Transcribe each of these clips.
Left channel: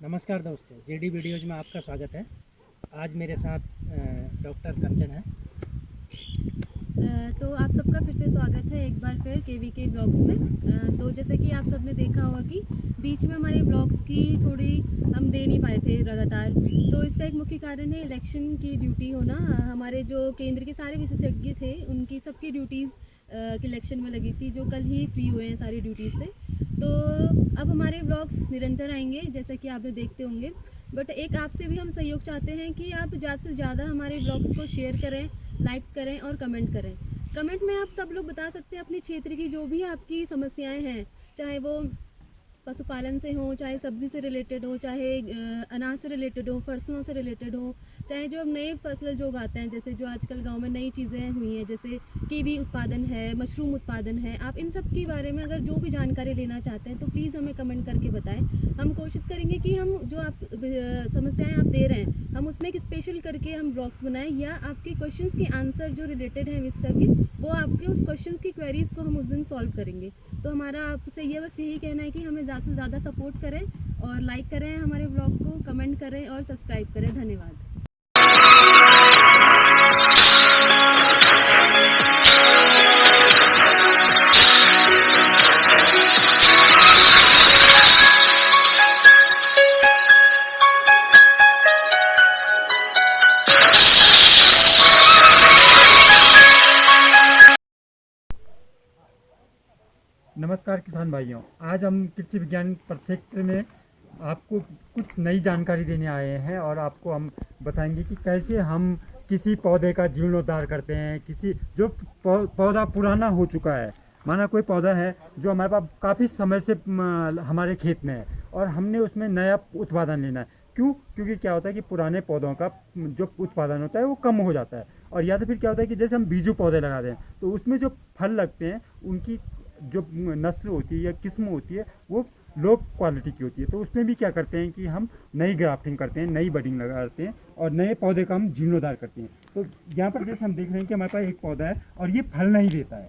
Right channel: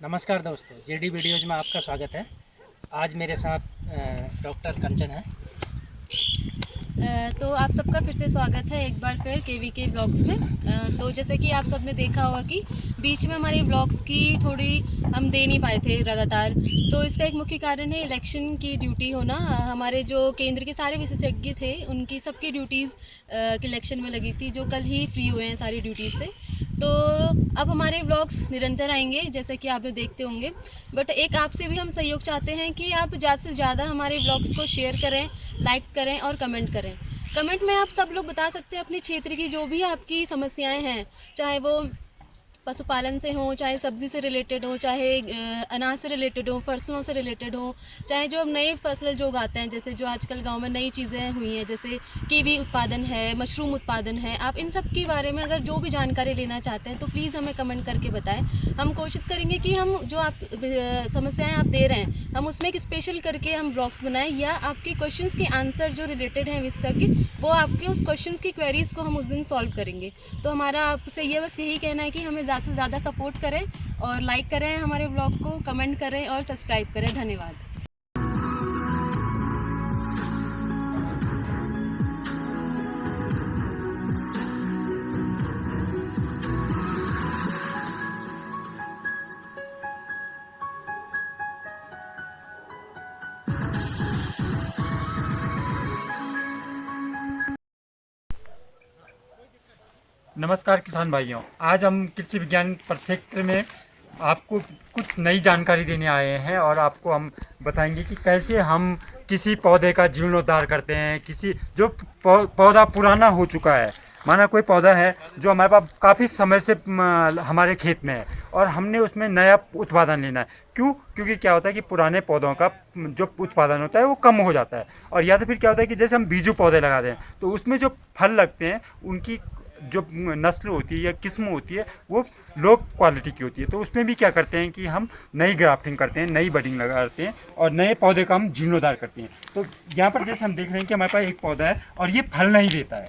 नमस्कार दोस्तों, JD videos में आपका स्वागत है। आज मेरे साथ डॉक्टर कंचन है। तो आप सबका फिर से स्वागत है एक बार फिर केवीके ब्लॉग्स में। तो जैसे कि आप सबने देखा होगा कि बीच में हमारे ब्लॉग्स की थोड़ी हम दे नहीं पाए थे लगातार। तो इसका एक मुख्य कारण है इलेक्शन की ड्यूटी होना। हमारे जो केंद्र के सारे विशेषज्ञ थे उनकी सबकी ड्यूटीज़ इलेक्शन में लगी थी, जो कल ही फ्री हुए हैं सारी ड्यूटीज़ से। तो अब हमारे ब्लॉग्स निरंतर आएंगे जैसे कि आप लोग देखते होंगे, बट एक आपसे भी हम सहयोग चाहते हैं कि आप ज़्यादा से ज़्यादा हमारे ब्लॉग्स को शेयर करें, लाइक करें और कमेंट करें। कमेंट में आप सब लोग बता सकते हैं अपने क्षेत्र की जो भी आपकी समस्याएं हैं, चाहे वो पशुपालन से हो, चाहे सब्जी से रिलेटेड हो, चाहे अनाज से रिलेटेड हो, फसलों से रिलेटेड हो, चाहे जो अब नए फसल जो उगाते हैं, जैसे जो आजकल गांव में नई चीज़ें हुई हैं, जैसे कीवी उत्पादन है, मशरूम उत्पादन है। आप इन सब के बारे में अगर जो भी जानकारी लेना चाहते हैं तो प्लीज़ हमें कमेंट करके बताएं। हम कोशिश करेंगे कि हम जो आप समस्याएं आप दे रहे हैं, हम उसमें एक स्पेशल करके हम ब्लॉग्स बनाएं, या आपके क्वेश्चंस के आंसर जो रिलेटेड हैं विशेषज्ञ, वो आपके उस क्वेश्चंस की क्वेरीज को हम उस दिन सॉल्व करेंगे। तो हमारा आपसे ये बस यही कहना है कि हमें ज़्यादा से ज़्यादा सपोर्ट करें और लाइक करें हमारे ब्लॉग को, कमेंट करें और सब्सक्राइब करें। धन्यवाद। नमस्कार किसान भाइयों, आज हम कृषि विज्ञान परिक्षेत्र में आपको कुछ नई जानकारी देने आए हैं और आपको हम बताएंगे कि कैसे हम किसी पौधे का जीर्णोद्धार करते हैं। किसी जो पौधा पुराना हो चुका है, माना कोई पौधा है जो हमारे पास काफ़ी समय से हमारे खेत में है और हमने उसमें नया उत्पादन लेना है। क्योंकि क्या होता है कि पुराने पौधों का जो उत्पादन होता है वो कम हो जाता है। और या तो फिर क्या होता है कि जैसे हम बीजू पौधे लगाते हैं तो उसमें जो फल लगते हैं उनकी जो नस्ल होती है या किस्म होती है वो लो क्वालिटी की होती है। तो उसमें भी क्या करते हैं कि हम नई ग्राफ्टिंग करते हैं, नई बडिंग लगाते हैं और नए पौधे का हम जीर्णोद्धार करते हैं। तो यहाँ पर जैसे हम देख रहे हैं कि हमारे पास एक पौधा है और ये फल नहीं देता है,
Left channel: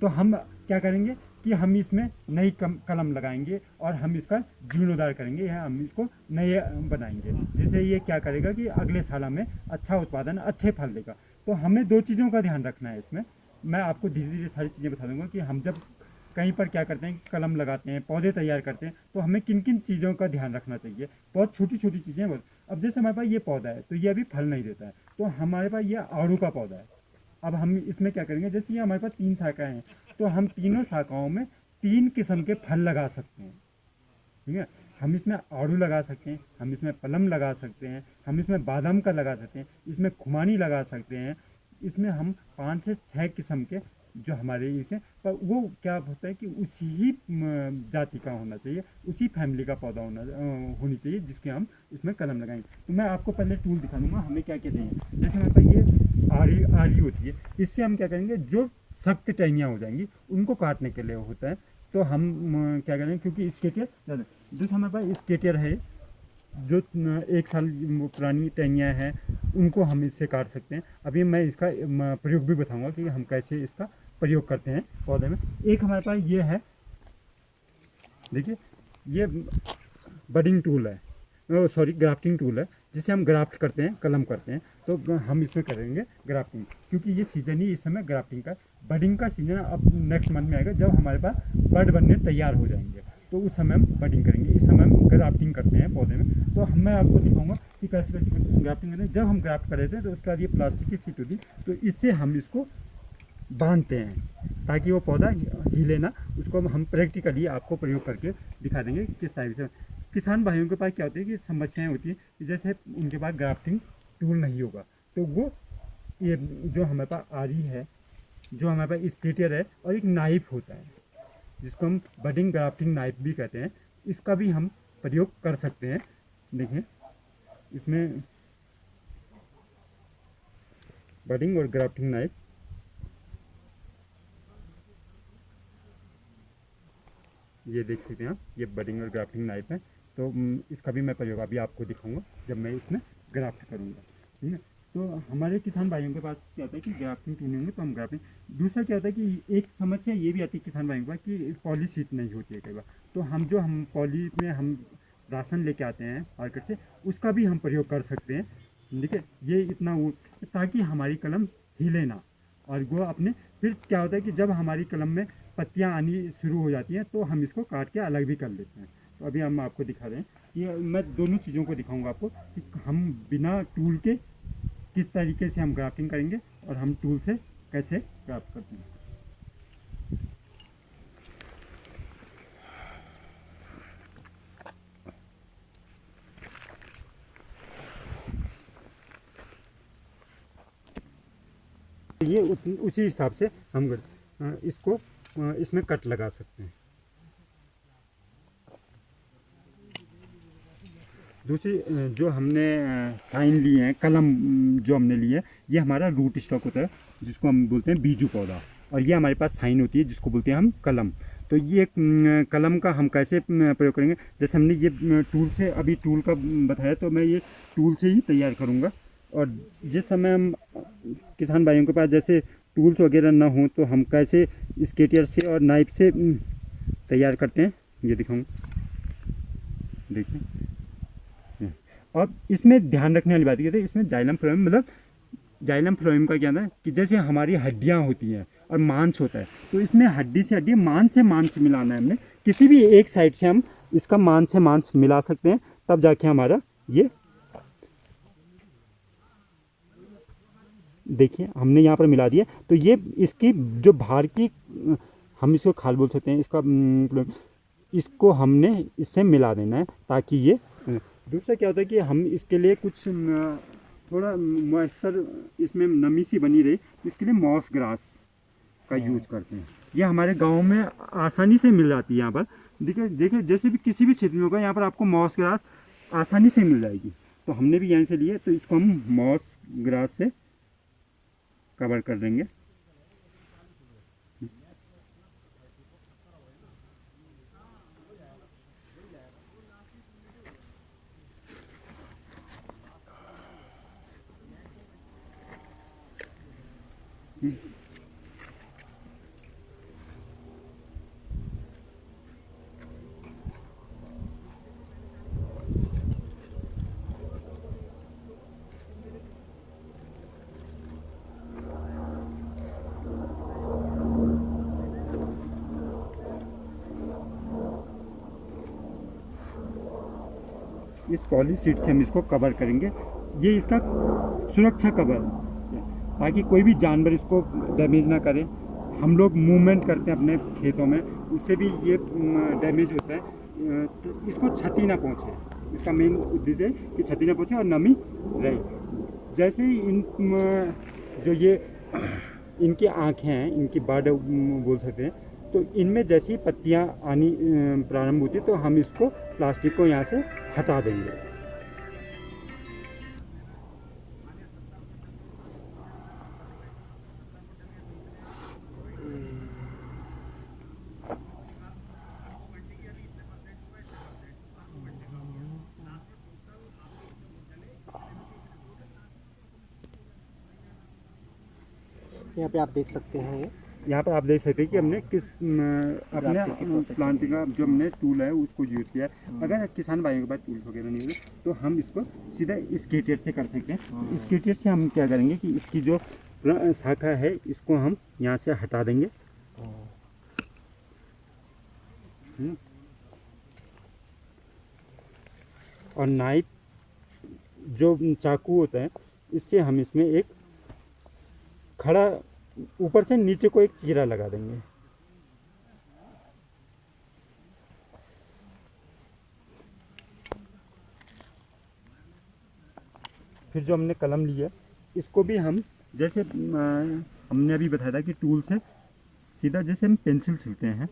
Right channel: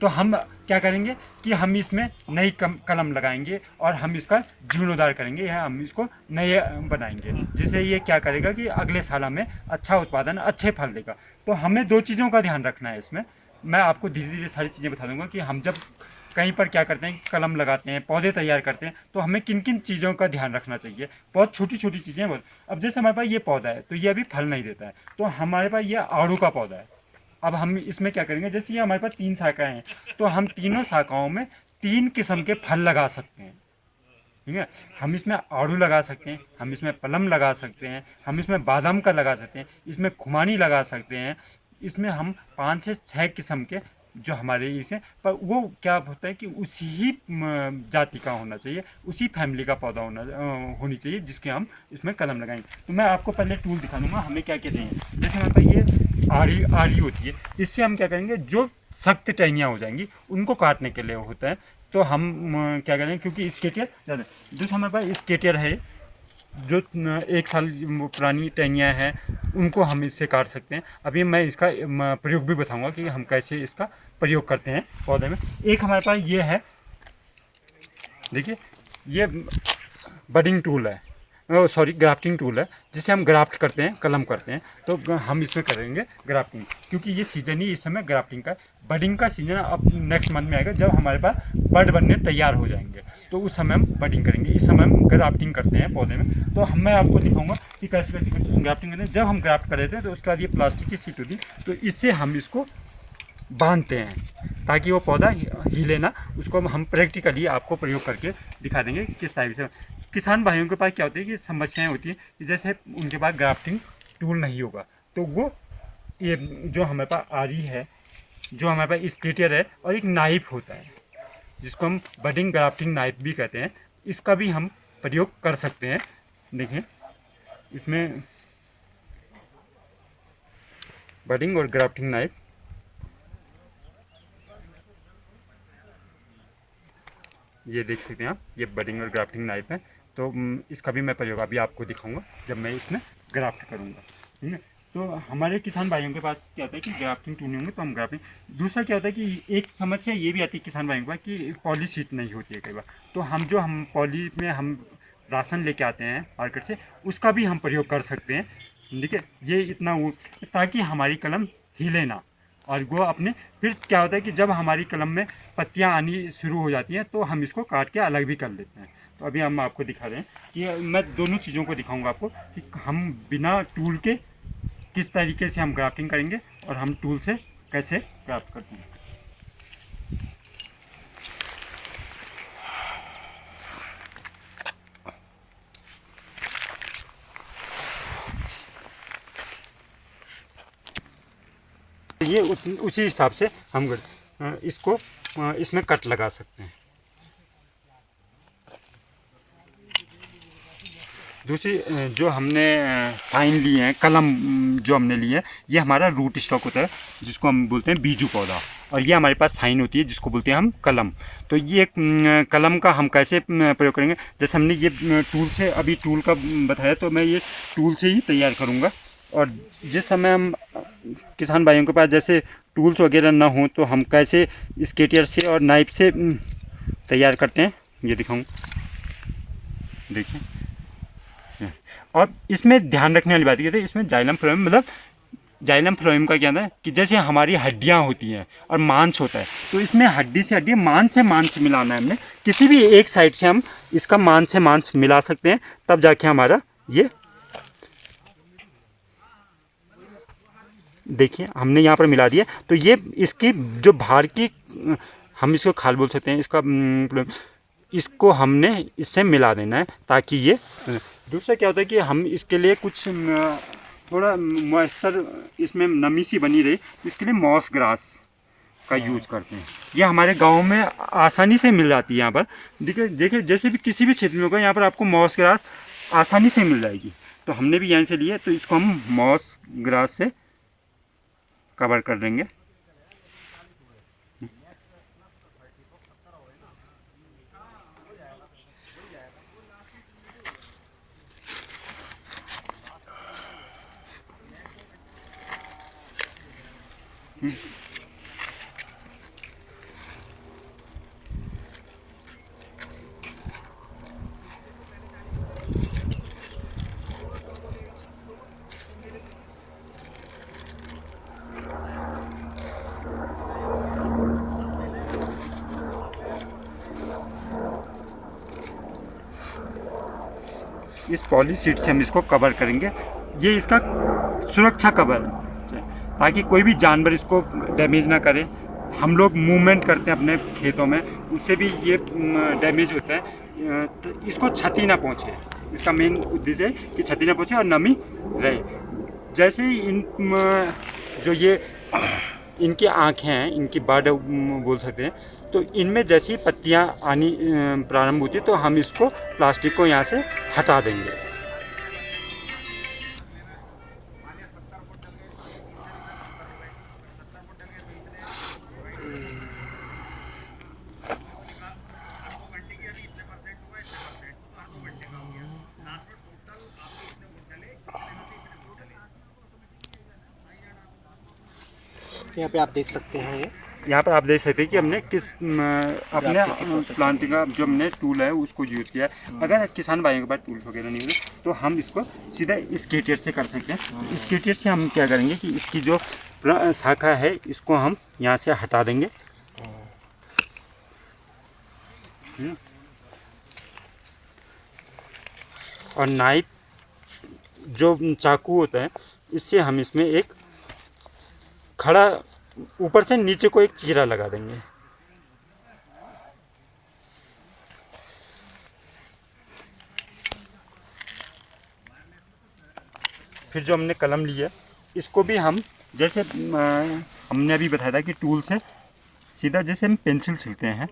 तो हम क्या करेंगे कि हम इसमें नई कलम लगाएंगे और हम इसका जीर्णोद्धार करेंगे, या हम इसको नए बनाएंगे, जिससे ये क्या करेगा कि अगले साल हमें अच्छा उत्पादन, अच्छे फल देगा। तो हमें दो चीज़ों का ध्यान रखना है इसमें। मैं आपको धीरे धीरे सारी चीज़ें बता दूंगा कि हम जब कहीं पर क्या करते हैं, कलम लगाते हैं, पौधे तैयार करते हैं, तो हमें किन किन चीज़ों का ध्यान रखना चाहिए। बहुत छोटी छोटी चीज़ें बस। अब जैसे हमारे पास ये पौधा है तो ये अभी फल नहीं देता है, तो हमारे पास ये आड़ू का पौधा है। अब हम इसमें क्या करेंगे, जैसे ये हमारे पास 3 शाखाएं हैं तो हम तीनों शाखाओं में 3 किस्म के फल लगा सकते हैं। ठीक है, हम इसमें आड़ू लगा सकते हैं, हम इसमें पलम लगा सकते हैं, हम इसमें बादाम का लगा सकते हैं, इसमें खुमानी लगा सकते हैं। इसमें हम 5 से 6 किस्म के जो हमारे इसे, पर वो क्या होता है कि उसी ही जाति का होना चाहिए, उसी फैमिली का पौधा होनी चाहिए जिसके हम इसमें कलम लगाएंगे। तो मैं आपको पहले टूल दिखा दूंगा हमें क्या क्या चाहिए। जैसे हमारे पास ये आरी होती है, इससे हम क्या करेंगे, जो सख्त टहनियाँ हो जाएंगी उनको काटने के लिए होता है। तो हम क्या करेंगे, क्योंकि स्केटियर ज़्यादा, जो हमारे पास स्केटियर है जो 1 साल पुरानी टहनियाँ हैं उनको हम इससे काट सकते हैं। अभी मैं इसका प्रयोग भी बताऊंगा कि हम कैसे इसका प्रयोग करते हैं पौधे में। एक हमारे पास ये है, देखिए ये बडिंग टूल है, सॉरी ग्राफ्टिंग टूल है, जिसे हम ग्राफ्ट करते हैं, कलम करते हैं। तो हम इसमें करेंगे ग्राफ्टिंग, क्योंकि ये सीज़न ही इस समय ग्राफ्टिंग का, बडिंग का सीज़न अब नेक्स्ट मंथ में आएगा जब हमारे पास बड बनने तैयार हो जाएंगे, तो उस समय हम बडिंग करेंगे। इस समय हम ग्राफ्टिंग करते हैं पौधे में। तो मैं आपको दिखाऊंगा कि कैसे कैसे ग्राफ्टिंग करते हैं। जब हम ग्राफ्ट कर देते हैं तो उसके बाद ये प्लास्टिक की शीट होती है, तो इससे हम इसको बांधते हैं ताकि वो पौधा हिले ना। उसको हम प्रैक्टिकली आपको प्रयोग करके दिखा देंगे किस टाइप से। किसान भाइयों के पास क्या होती है कि समस्याएं होती हैं कि जैसे उनके पास ग्राफ्टिंग टूल नहीं होगा, तो वो ये जो हमारे पास आरी है, जो हमारे पास स्केटियर है, और एक नाइफ होता है जिसको हम बडिंग ग्राफ्टिंग नाइफ भी कहते हैं, इसका भी हम प्रयोग कर सकते हैं। देखिए इसमें बडिंग और ग्राफ्टिंग नाइफ, ये देख सकते हैं आप, ये बडिंग और ग्राफ्टिंग नाइफ है। तो इसका भी मैं प्रयोग अभी आपको दिखाऊंगा जब मैं इसमें ग्राफ्ट करूंगा। ठीक है, तो हमारे किसान भाइयों के पास क्या होता है कि ग्राफ्टिंग टूल नहीं होंगे तो हम ग्राफ्टिंग। दूसरा क्या होता है कि एक समस्या ये भी आती है किसान भाइयों के पास कि पॉली शीट नहीं होती है कई बार। तो हम पॉली में हम राशन लेके आते हैं मार्केट से, उसका भी हम प्रयोग कर सकते हैं। ठीक है, ये इतना ताकि हमारी कलम हिले ना। और वो अपने फिर क्या होता है कि जब हमारी कलम में पत्तियां आनी शुरू हो जाती हैं तो हम इसको काट के अलग भी कर लेते हैं। तो अभी हम आपको दिखा रहे हैं कि मैं दोनों चीज़ों को दिखाऊंगा आपको कि हम बिना टूल के किस तरीके से हम ग्राफ्टिंग करेंगे और हम टूल से कैसे ग्राफ्ट करते हैं। ये उसी हिसाब से हम इसको इसमें कट लगा सकते हैं। दूसरी जो हमने साइन लिए हैं, कलम जो हमने लिए है, ये हमारा रूट स्टॉक होता है जिसको हम बोलते हैं बीजू पौधा, और ये हमारे पास साइन होती है जिसको बोलते हैं हम कलम। तो ये कलम का हम कैसे प्रयोग करेंगे, जैसे हमने ये टूल से अभी टूल का बताया, तो मैं ये टूल से ही तैयार करूँगा। और जिस समय हम किसान भाइयों के पास जैसे टूल्स वगैरह ना हो तो हम कैसे स्केटियर से और नाइफ से तैयार करते हैं ये दिखाऊँ। देखिए, और इसमें ध्यान रखने वाली बात ये है, इसमें जाइलम फ्लोएम, मतलब जाइलम फ्लोएम का क्या है कि जैसे हमारी हड्डियां होती हैं और मांस होता है, तो इसमें हड्डी से हड्डी, मांस से मांस मिलाना है हमने। किसी भी एक साइड से हम इसका मांस से मांस मिला सकते हैं, तब जाके हमारा ये देखिए हमने यहाँ पर मिला दिया। तो ये इसकी जो बाहर की, हम इसको खाल बोल सकते हैं, इसको हमने इससे मिला देना है ताकि ये। दूसरा क्या होता है कि हम इसके लिए कुछ थोड़ा मॉइस्चर, इसमें नमी सी बनी रही, तो इसके लिए मॉस ग्रास का यूज करते हैं। ये हमारे गांव में आसानी से मिल जाती है यहाँ पर। देखिए जैसे भी किसी भी क्षेत्र में होगा, यहाँ पर आपको मॉस ग्रास आसानी से मिल जाएगी। तो हमने भी यहीं से लिए, तो इसको हम मॉस ग्रास से कवर कर देंगे। इस पॉली शीट से हम इसको कवर करेंगे। ये इसका सुरक्षा कवर है ताकि कोई भी जानवर इसको डैमेज ना करे। हम लोग मूवमेंट करते हैं अपने खेतों में, उससे भी ये डैमेज होता है। तो इसको क्षति ना पहुँचे, इसका मेन उद्देश्य है कि क्षति ना पहुँचे और नमी रहे। जैसे ही इन जो ये इनकी आँखें हैं, इनकी बर्ड बोल सकते हैं, तो इनमें जैसी ही पत्तियाँ आनी प्रारंभ होती है तो हम इसको प्लास्टिक को यहाँ से हटा देंगे। यहाँ पे आप देख सकते हैं, ये यहाँ पर आप देख सकते हैं कि हमने किस अपने प्लांटिंग का जो हमने टूल है उसको यूज़ किया है। अगर किसान भाइयों के पास टूल वगैरह नहीं होते तो हम इसको सीधा स्केटियर से कर सकते हैं। स्केटियर से हम क्या करेंगे कि इसकी जो शाखा है इसको हम यहाँ से हटा देंगे। और नाइफ जो चाकू होता है, इससे हम इसमें एक खड़ा ऊपर से नीचे को एक चीरा लगा देंगे। फिर जो हमने कलम लिया इसको भी हम जैसे हमने अभी बताया था कि टूल से सीधा जैसे हम पेंसिल सिलते हैं,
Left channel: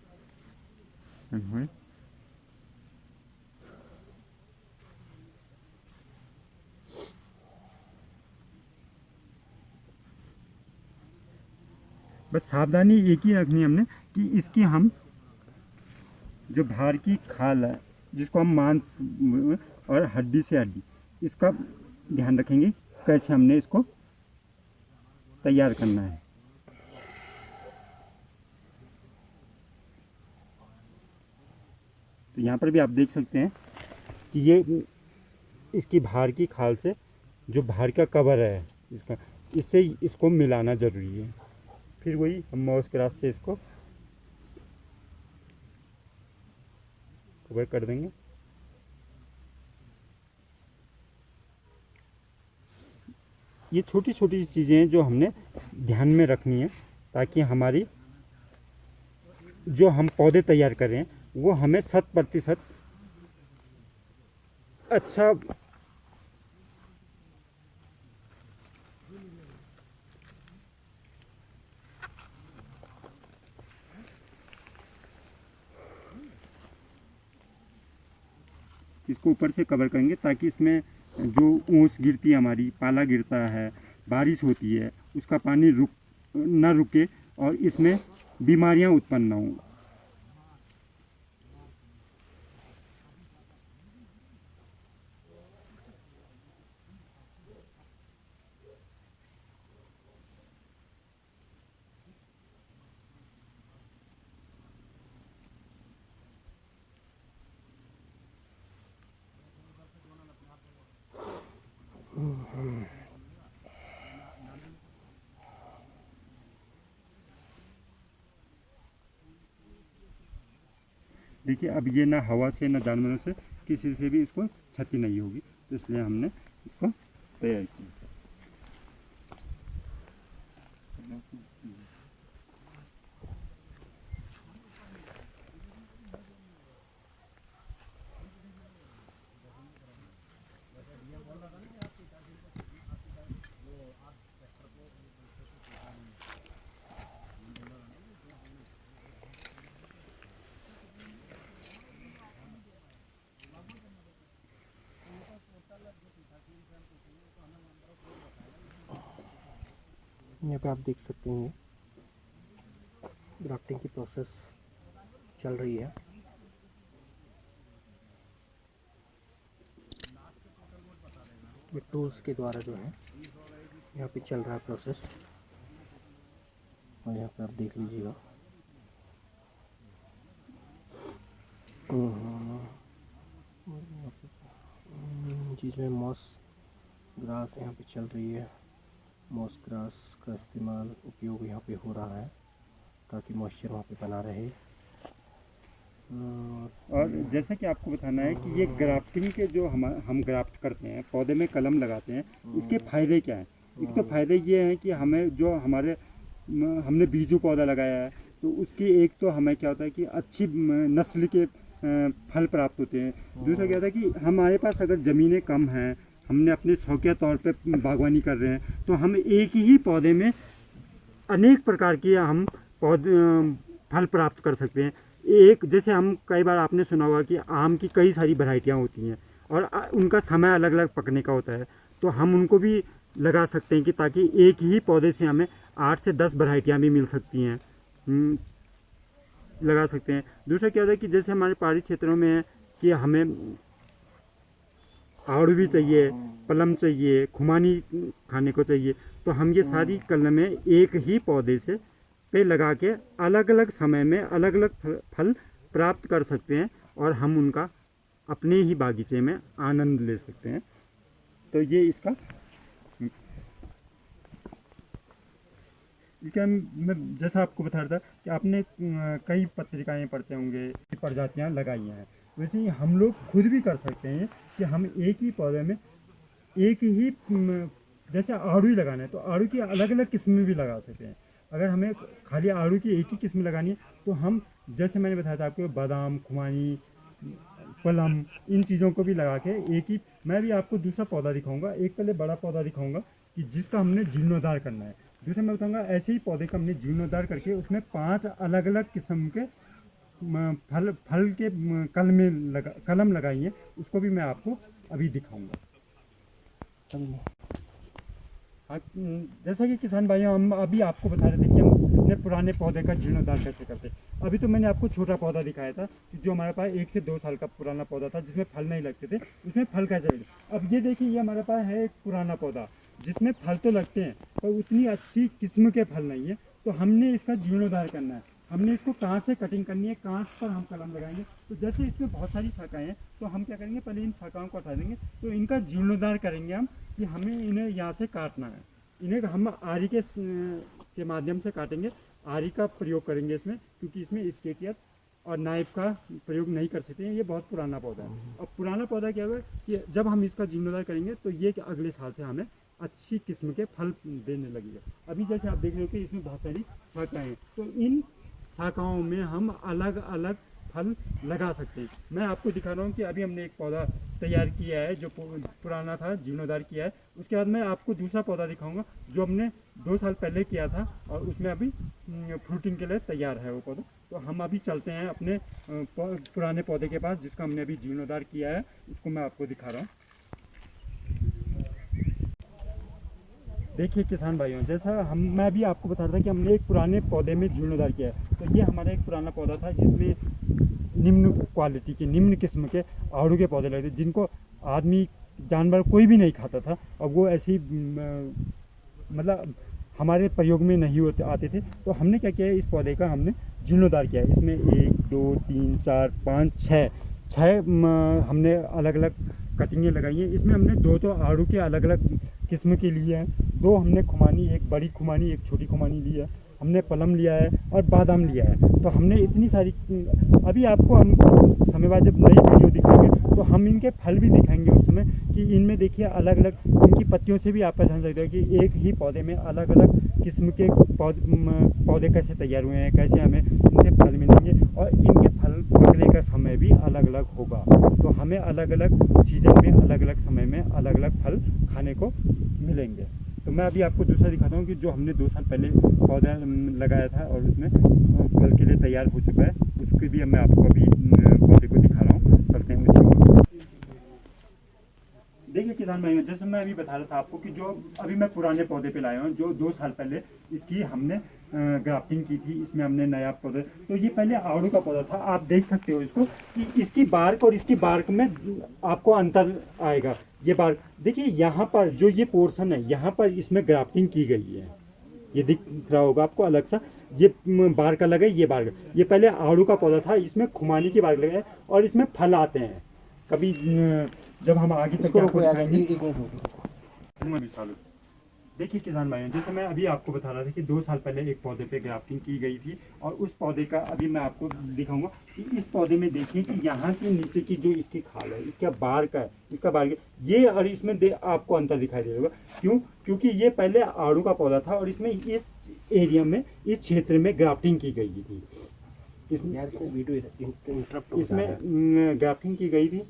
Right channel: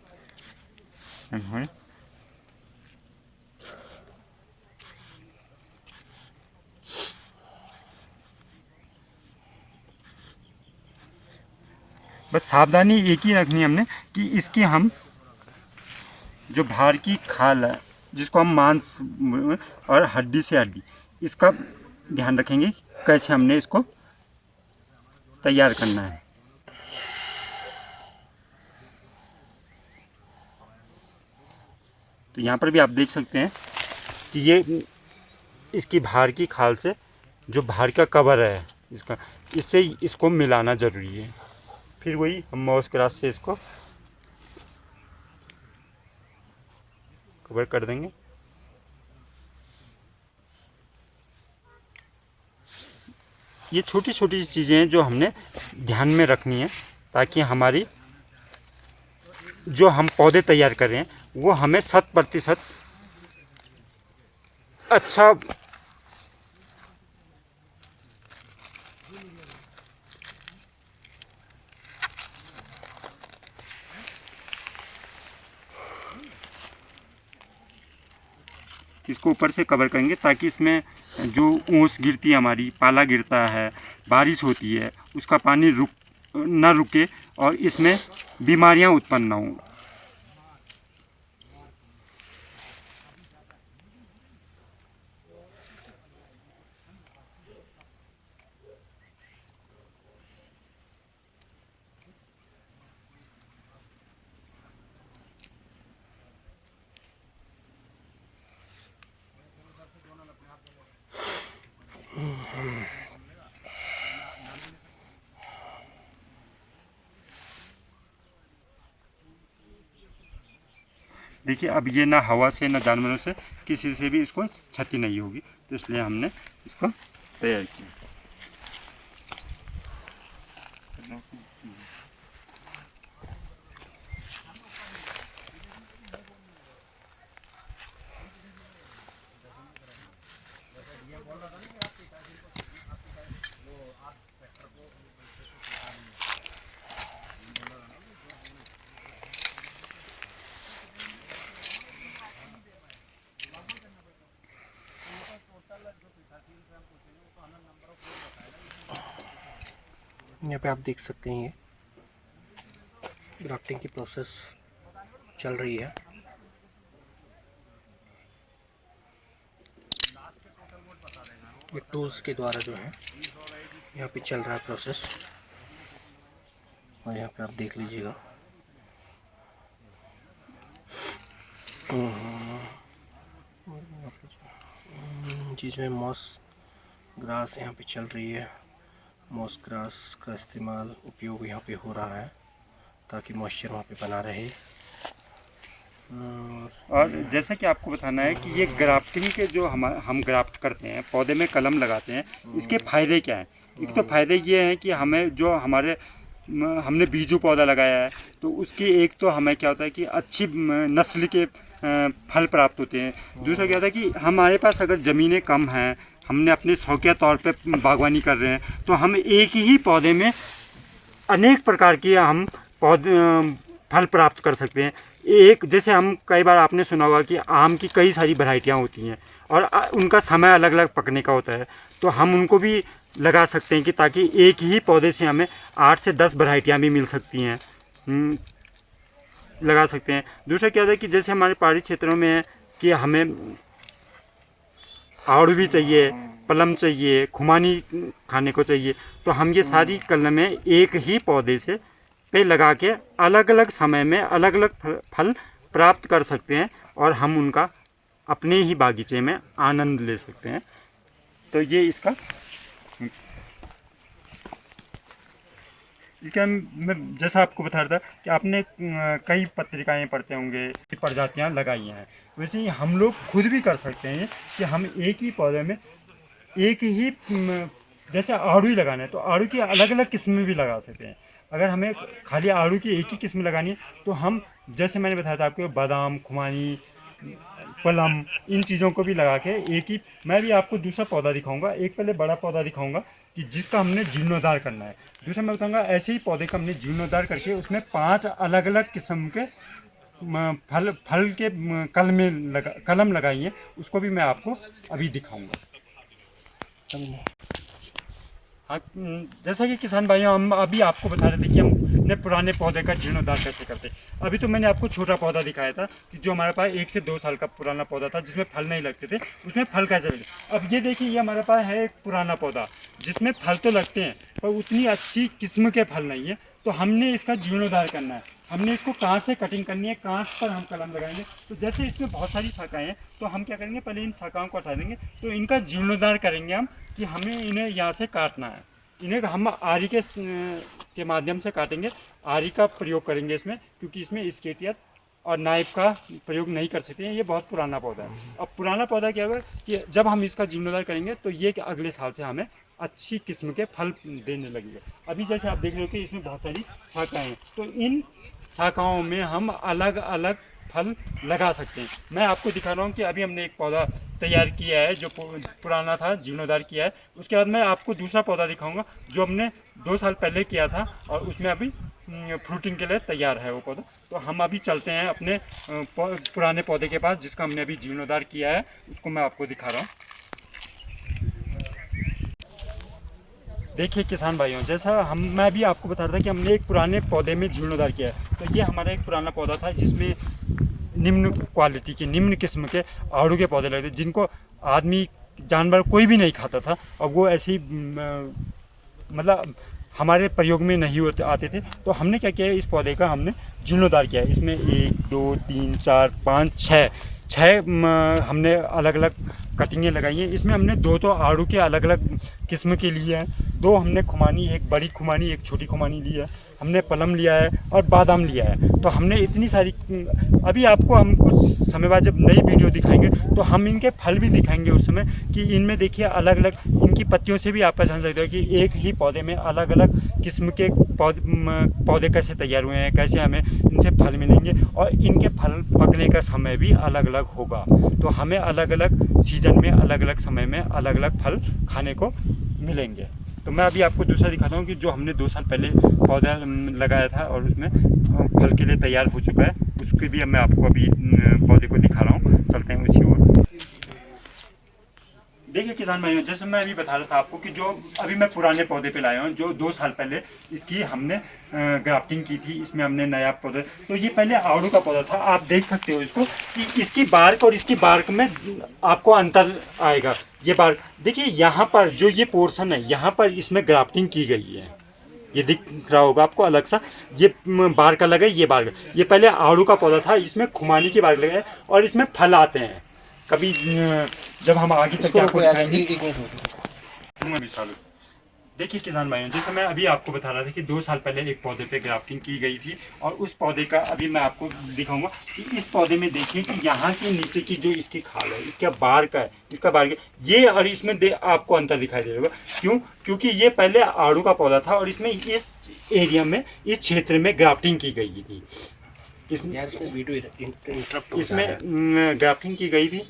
बस सावधानी एक ही रखनी है हमने कि इसकी हम जो बाहर की खाल है जिसको हम मांस और हड्डी से हड्डी, इसका ध्यान रखेंगे कैसे हमने इसको तैयार करना है। तो यहाँ पर भी आप देख सकते हैं कि ये इसकी बाहर की खाल से जो बाहर का कवर है इसका, इससे इसको मिलाना ज़रूरी है। फिर वही हम माउस क्रास से इसको कवर कर देंगे। ये छोटी छोटी चीज़ें हैं जो हमने ध्यान में रखनी है ताकि हमारी जो हम पौधे तैयार कर रहे हैं वो हमें 100% अच्छा इसको ऊपर से कवर करेंगे ताकि इसमें जो ओस गिरती है, हमारी पाला गिरता है, बारिश होती है, उसका पानी ना रुके और इसमें बीमारियां उत्पन्न ना हों। देखिए अब ये ना हवा से ना जानवरों से किसी से भी इसको क्षति नहीं होगी, तो इसलिए हमने इसको तैयार किया। यहाँ पे आप देख सकते हैं ये ग्राफ्टिंग की प्रोसेस चल रही है। ये टूल्स के द्वारा जो है यहाँ पे चल रहा है प्रोसेस, और यहाँ पे आप देख लीजिएगा। जिसमें मॉस ग्रास यहाँ पे चल रही है। मॉस ग्रास का इस्तेमाल उपयोग यहाँ पे हो रहा है ताकि मॉइस्चर वहाँ पे बना रहे। और जैसा कि आपको बताना है कि ये ग्राफ्टिंग के जो हम ग्राफ्ट करते हैं, पौधे में कलम लगाते हैं, इसके फ़ायदे क्या हैं। एक तो फ़ायदे ये हैं कि हमें जो हमने बीजू पौधा लगाया है तो उसकी एक तो हमें क्या होता है कि अच्छी नस्ल के फल प्राप्त होते हैं। दूसरा क्या होता है कि हमारे पास अगर ज़मीनें कम हैं, हमने अपने शौकिया तौर पे बागवानी कर रहे हैं, तो हम एक ही पौधे में अनेक प्रकार के हम फल प्राप्त कर सकते हैं। एक जैसे हम कई बार आपने सुना होगा कि आम की कई सारी वैरायटियाँ होती हैं और उनका समय अलग अलग पकने का होता है, तो हम उनको भी लगा सकते हैं कि ताकि एक ही पौधे से हमें 8 से 10 वैरायटियाँ भी मिल सकती हैं, लगा सकते हैं। दूसरा क्या होता है कि जैसे हमारे पहाड़ी क्षेत्रों में है कि हमें आड़ू भी चाहिए, पलम चाहिए, खुमानी खाने को चाहिए, तो हम ये सारी कलमें एक ही पौधे से पे लगा के अलग अलग समय में अलग अलग फल प्राप्त कर सकते हैं और हम उनका अपने ही बागीचे में आनंद ले सकते हैं। तो ये इसका मैं जैसा आपको बता रहा था कि आपने कई पत्रिकाएं पढ़ते होंगे, प्रजातियां लगाई हैं, वैसे ही हम लोग खुद भी कर सकते हैं कि हम एक ही पौधे में एक ही जैसे आड़ू ही लगाना है तो आड़ू की अलग अलग किस्में भी लगा सकते हैं। अगर हमें खाली आड़ू की एक ही किस्म लगानी है तो हम जैसे मैंने बताया था आपको बादाम, खुमानी, पलम, इन चीज़ों को भी लगा के एक ही। मैं भी आपको दूसरा पौधा दिखाऊंगा, एक पहले बड़ा पौधा दिखाऊंगा कि जिसका हमने जीर्णोद्धार करना है। दूसरा मैं बताऊंगा ऐसे ही पौधे का हमने जीर्णोद्धार करके उसमें 5 अलग अलग किस्म के फल के कलम लगाई हैं, उसको भी मैं आपको अभी दिखाऊंगा। हाँ, जैसा कि किसान भाइयों हम अभी आपको बता रहे थे कि हम अपने पुराने पौधे का जीर्णोद्धार कैसे करते हैं। अभी तो मैंने आपको छोटा पौधा दिखाया था कि जो हमारे पास 1 से 2 साल का पुराना पौधा था जिसमें फल नहीं लगते थे, उसमें फल कैसे लगे। अब ये देखिए ये हमारे पास है एक पुराना पौधा जिसमें फल तो लगते हैं पर उतनी अच्छी किस्म के फल नहीं है, तो हमने इसका जीर्णोद्धार करना है। हमने इसको कहाँ से कटिंग करनी है, कहाँ पर हम कलम लगाएंगे। तो जैसे इसमें बहुत सारी शाखाएं हैं, तो हम क्या करेंगे, पहले इन शाखाओं को हटा देंगे। तो इनका जीर्णोद्धार करेंगे हम, कि हमें इन्हें यहाँ से काटना है। इन्हें हम आरी के माध्यम से काटेंगे। आरी का प्रयोग करेंगे इसमें, क्योंकि इसमें स्केटियर और नाइफ का प्रयोग नहीं कर सकते हैं। ये बहुत पुराना पौधा है। अब पुराना पौधा क्या होगा कि जब हम इसका जीर्णोद्धार करेंगे तो ये अगले साल से हमें अच्छी किस्म के फल देने लगेगा। अभी जैसे आप देख रहे हो कि इसमें बहुत सारी शाखाएं हैं, तो इन शाखाओं में हम अलग अलग फल लगा सकते हैं। मैं आपको दिखा रहा हूँ कि अभी हमने एक पौधा तैयार किया है जो पुराना था, जीर्णोद्धार किया है। उसके बाद मैं आपको दूसरा पौधा दिखाऊंगा जो हमने 2 साल पहले किया था, और उसमें अभी फ्रूटिंग के लिए तैयार है वो पौधा। तो हम अभी चलते हैं अपने पुराने पौधे के पास, जिसका हमने अभी जीर्णोद्धार किया है। उसको मैं आपको दिखा रहा हूँ। देखिए किसान भाइयों, जैसा मैं भी आपको बता रहा था कि हमने एक पुराने पौधे में जीर्णोद्धार किया है। तो ये हमारा एक पुराना पौधा था जिसमें निम्न क्वालिटी के, निम्न किस्म के आड़ू के पौधे लगे थे, जिनको आदमी जानवर कोई भी नहीं खाता था। और वो ऐसे ही मतलब हमारे प्रयोग में नहीं होते आते थे। तो हमने क्या किया है, इस पौधे का हमने जीर्णोद्धार किया है। इसमें 1 2 3 4 5 6 हमने अलग अलग कटिंगें लगाई हैं। इसमें हमने 2 तो आड़ू के अलग अलग किस्म के लिए हैं, 2 हमने खुमानी, एक बड़ी खुमानी एक छोटी खुमानी ली है, हमने पलम लिया है और बादाम लिया है। तो हमने इतनी सारी, अभी आपको हम कुछ समय बाद जब नई वीडियो दिखाएंगे तो हम इनके फल भी दिखाएंगे उस समय, कि इनमें देखिए अलग अलग, इनकी पत्तियों से भी आपका जान सकते हो कि एक ही पौधे में अलग अलग किस्म के पौधे कैसे तैयार हुए हैं, कैसे हमें इनसे फल मिलेंगे, और इनके फल पकने का समय भी अलग अलग होगा। तो हमें अलग अलग सीजन में, अलग अलग समय में अलग अलग फल खाने को मिलेंगे। तो मैं अभी आपको दूसरा दिखाता हूँ कि जो हमने 2 साल पहले पौधा लगाया था और उसमें फल के लिए तैयार हो चुका है, उसके भी मैं आपको अभी पौधे को दिखा रहा हूँ। चलते हैं उसी ओर। देखिए किसान भाइयों, जैसे मैं अभी बता रहा था आपको कि जो अभी मैं पुराने पौधे पे लाया हूँ, जो 2 साल पहले इसकी हमने ग्राफ्टिंग की थी। इसमें हमने नया पौधा, तो ये पहले आड़ू का पौधा था। आप देख सकते हो इसको कि इसकी बार्क और इसकी बार्क में आपको अंतर आएगा। ये बार्क देखिए, यहाँ पर जो ये पोर्शन है, यहाँ पर इसमें ग्राफ्टिंग की गई है। ये दिख रहा होगा आपको अलग सा, ये बार्क अलग है, ये बार्क। ये पहले आड़ू का पौधा था, इसमें खुमानी की बार्क लगे और इसमें फल आते हैं। कभी जब हम आगे चल के आपको दिखाएंगे। देखिए किसान भाइयों, जैसे मैं अभी आपको बता रहा था कि 2 साल पहले एक पौधे पे ग्राफ्टिंग की गई थी, और उस पौधे का अभी मैं आपको दिखाऊंगा कि इस पौधे में देखिए कि यहाँ के नीचे की जो इसकी खाल है, इसका बार्क है, इसका बार्क ये, और इसमें आपको अंतर दिखाई दे रहा होगा। क्योंकि ये पहले आड़ू का पौधा था और इसमें इस एरिया में, इस क्षेत्र में ग्राफ्टिंग की गई थी। इसमें ग्राफ्टिंग की गई थी,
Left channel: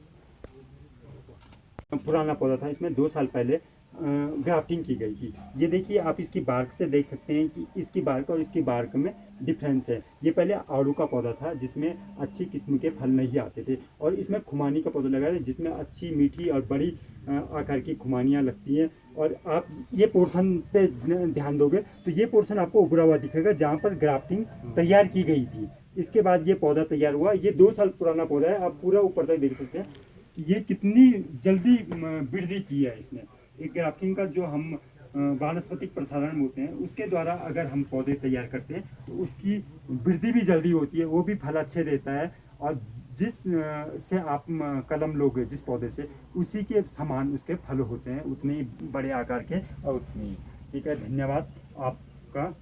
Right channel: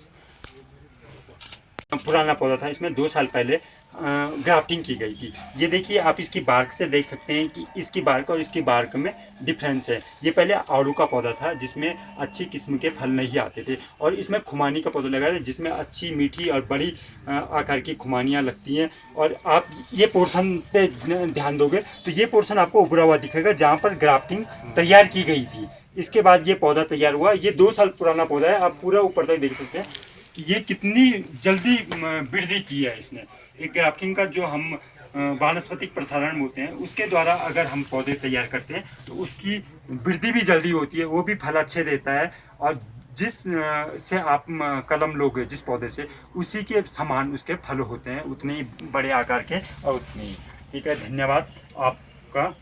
पुराना पौधा था, इसमें 2 साल पहले ग्राफ्टिंग की गई थी। ये देखिए, आप इसकी बार्क से देख सकते हैं कि इसकी बार्क और इसकी बार्क में डिफरेंस है। ये पहले आड़ू का पौधा था जिसमें अच्छी किस्म के फल नहीं आते थे, और इसमें खुमानी का पौधा लगा है जिसमें अच्छी मीठी और बड़ी आकार की खुमानियाँ लगती हैं। और आप ये पोर्शन पे ध्यान दोगे तो ये पोर्शन आपको उभरा हुआ दिखेगा जहाँ पर ग्राफ्टिंग तैयार की गई थी। इसके बाद ये पौधा तैयार हुआ। ये 2 साल पुराना पौधा है। आप पूरा ऊपर तक देख सकते हैं कि ये कितनी जल्दी वृद्धि की है इसने। एक ग्राफ्टिंग का जो हम वानस्पतिक प्रसारण होते हैं, उसके द्वारा अगर हम पौधे तैयार करते हैं तो उसकी वृद्धि भी जल्दी होती है, वो भी फल अच्छे देता है। और जिस से आप कलम लोगे जिस पौधे से, उसी के समान उसके फल होते हैं, उतने ही बड़े आकार के और उतने ही। ठीक है, धन्यवाद आपका।